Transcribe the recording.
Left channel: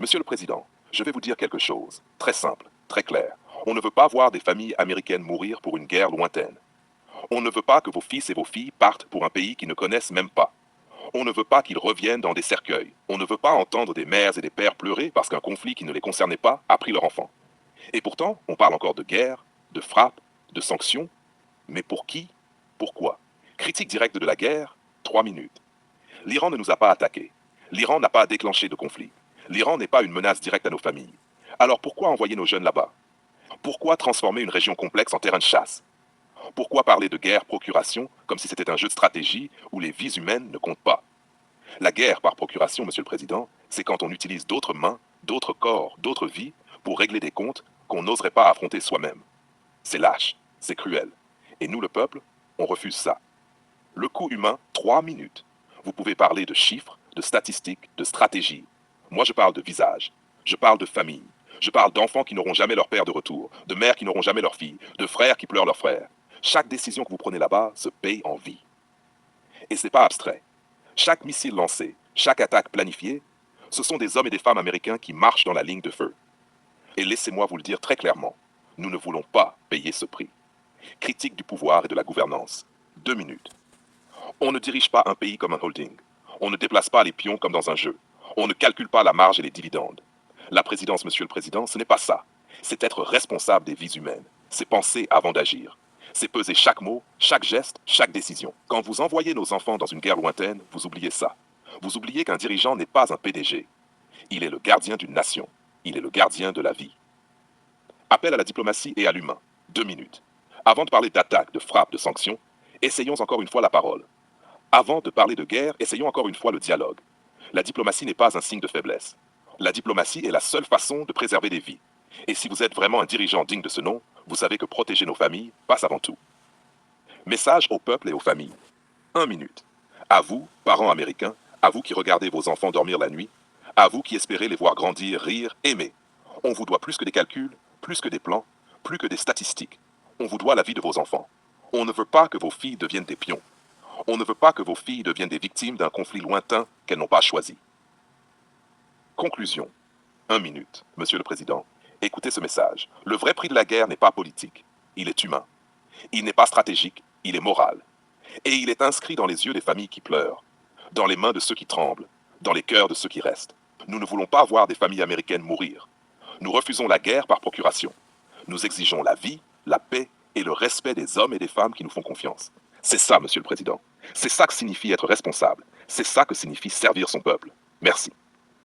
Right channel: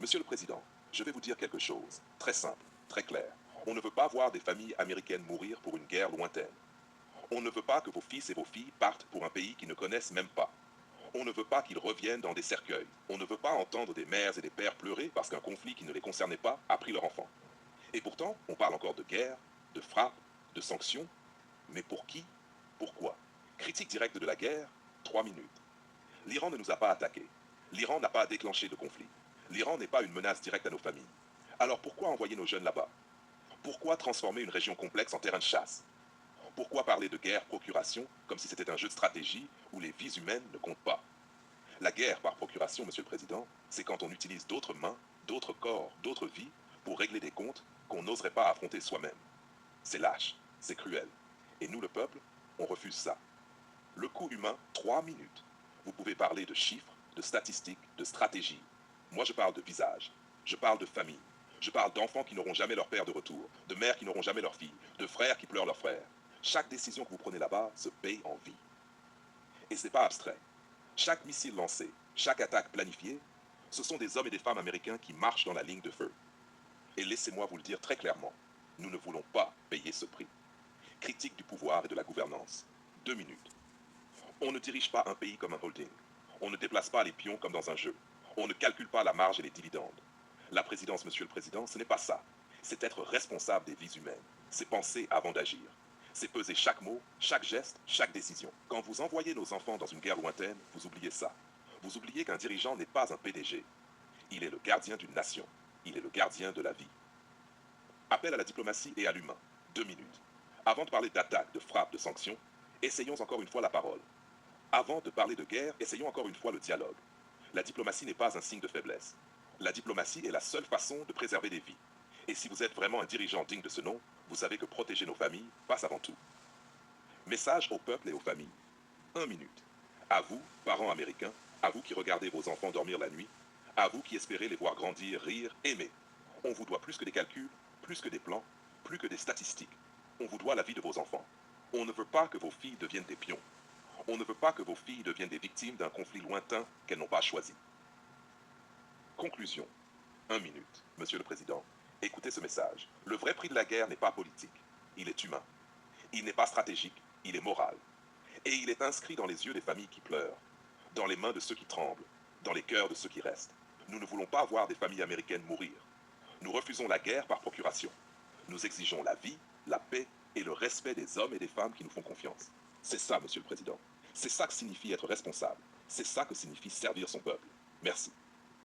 Monsieur le Président, je vais vous dire quelque chose, très simple, très clair. On ne veut pas voir des familles américaines mourir pour une guerre lointaine. On ne veut pas que vos fils et vos filles partent pour un pays qu'ils ne connaissent même pas. On ne veut pas qu'ils reviennent dans des cercueils. On ne veut pas entendre des mères et des pères pleurer parce qu'un conflit qui ne les concernait pas a pris leur enfant. Et pourtant, on parle encore de guerre, de frappe, de sanctions. Mais pour qui? Pourquoi? Critique directe de la guerre, 3 minutes. L'Iran ne nous a pas attaqués. L'Iran n'a pas déclenché de conflit. L'Iran n'est pas une menace directe à nos familles. Alors pourquoi envoyer nos jeunes là-bas? Pourquoi transformer une région complexe en terrain de chasse? Pourquoi parler de guerre-procuration comme si c'était un jeu de stratégie où les vies humaines ne comptent pas? La guerre par procuration, Monsieur le Président, c'est quand on utilise d'autres mains, d'autres corps, d'autres vies pour régler des comptes qu'on n'oserait pas affronter soi-même. C'est lâche, c'est cruel. Et nous, le peuple, on refuse ça. Le coût humain, 3 minutes. Vous pouvez parler de chiffres, de statistiques, de stratégies. Moi, je parle de visage. Je parle de famille. Je parle d'enfants qui n'auront jamais leur père de retour, de mères qui n'auront jamais leur fille, de frères qui pleurent leurs frères. Chaque décision que vous prenez là-bas se paye en vie. Et ce n'est pas abstrait. Chaque missile lancé, chaque attaque planifiée, ce sont des hommes et des femmes américains qui marchent dans la ligne de feu. Et laissez-moi vous le dire très clairement, nous ne voulons pas payer ce prix. Critique du pouvoir et de la gouvernance. 2 minutes. On ne dirige pas un pays comme un holding. On ne déplace pas les pions comme dans un jeu. On ne calcule pas la marge et les dividendes. La présidence, Monsieur le Président, ce n'est pas ça. C'est être responsable des vies humaines. C'est penser avant d'agir. C'est peser chaque mot, chaque geste, chaque décision. Quand vous envoyez nos enfants dans une guerre lointaine, vous oubliez ça. Vous oubliez qu'un dirigeant n'est pas un PDG. Il est le gardien d'une nation. Il est le gardien de la vie. Appel à la diplomatie et à l'humain. 2 minutes. Avant de parler d'attaque, de frappe, de sanctions, essayons encore une fois la parole. Avant de parler de guerre, essayons encore une fois le dialogue. La diplomatie n'est pas un signe de faiblesse. La diplomatie est la seule façon de préserver des vies. Et si vous êtes vraiment un dirigeant digne de ce nom, vous savez que protéger nos familles passe avant tout. Message au peuple et aux familles. 1 minute. À vous, parents américains, à vous qui regardez vos enfants dormir la nuit, à vous qui espérez les voir grandir, rire, aimer. On vous doit plus que des calculs, plus que des plans, plus que des statistiques. On vous doit la vie de vos enfants. On ne veut pas que vos filles deviennent des pions. On ne veut pas que vos filles deviennent des victimes d'un conflit lointain qu'elles n'ont pas choisi. Conclusion. 1 minute, Monsieur le Président. Écoutez ce message. Le vrai prix de la guerre n'est pas politique. Il est humain. Il n'est pas stratégique. Il est moral. Et il est inscrit dans les yeux des familles qui pleurent, dans les mains de ceux qui tremblent, dans les cœurs de ceux qui restent. Nous ne voulons pas voir des familles américaines mourir. Nous refusons la guerre par procuration. Nous exigeons la vie, la paix et le respect des hommes et des femmes qui nous font confiance. C'est ça, Monsieur le Président. C'est ça que signifie être responsable. C'est ça que signifie servir son peuple. Merci.